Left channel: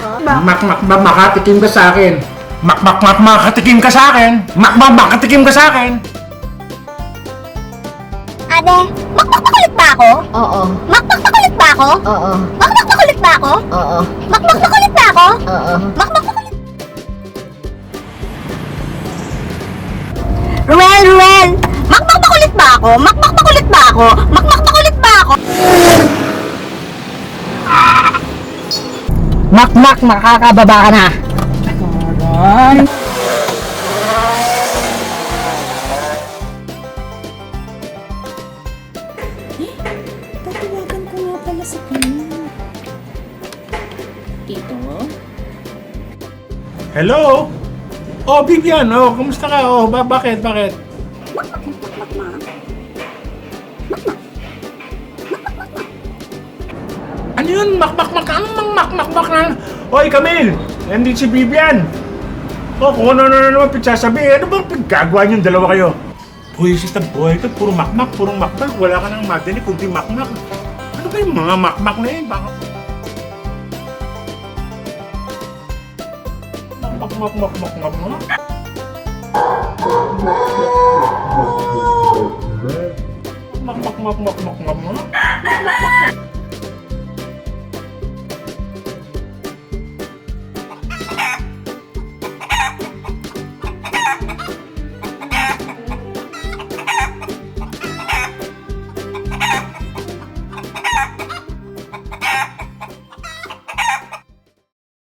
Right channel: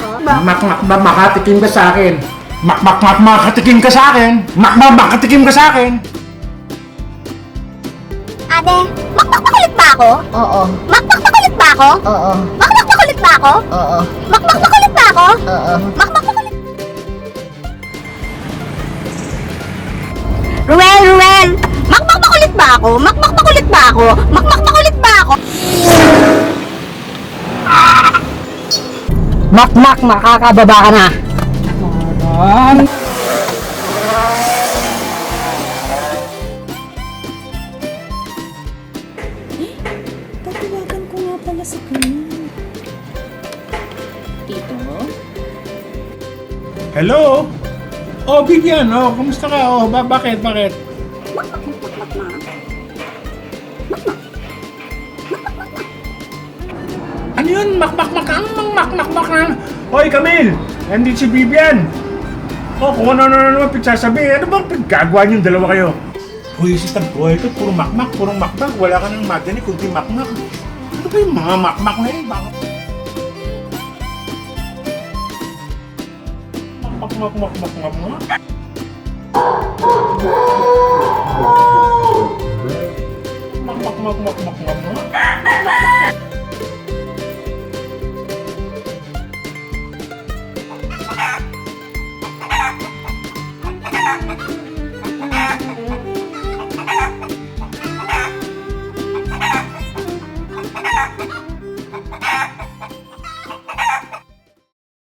mak mak mak makatikim ka sa akin. Mak mak mak makatikim ka sa akin. Mak mak makatikim ka sa akin. Ate, makmak makulit ba ako? Oo. Makmak makulit ba ako? Oo. Makmak makulit ba ako? Oo. Makmak makulit ba ako? Oo. Makmak makulit. Ruel, Ruel! Makmak makulit ba ako? Makmak makulit ba ako? Makmak makulit ba ako? Mak mak makakababa ka na. Tatawagan ko nga pala sa kanya. Tito? Hello? Oh, Vivian. Oh, kumusta ka? Oh, ba bakit? Bakit? Ano yun? Makmak-mak ang makmak-mak na. Hoy, Camille! Nandito si Vivian. Oh, kung ano ano naman pagsasabi. Ano bang pinagagawa niyong dalawa kayo? Hoy, si Taboy, ito puro makmak, puro makmak. Wala ka nang madinig, kundi makmak. Ano ba yung mga makmak na yun? Bakit? Makmak, makmak, makmak, makmak. Mak mak mak mak mak mak mak.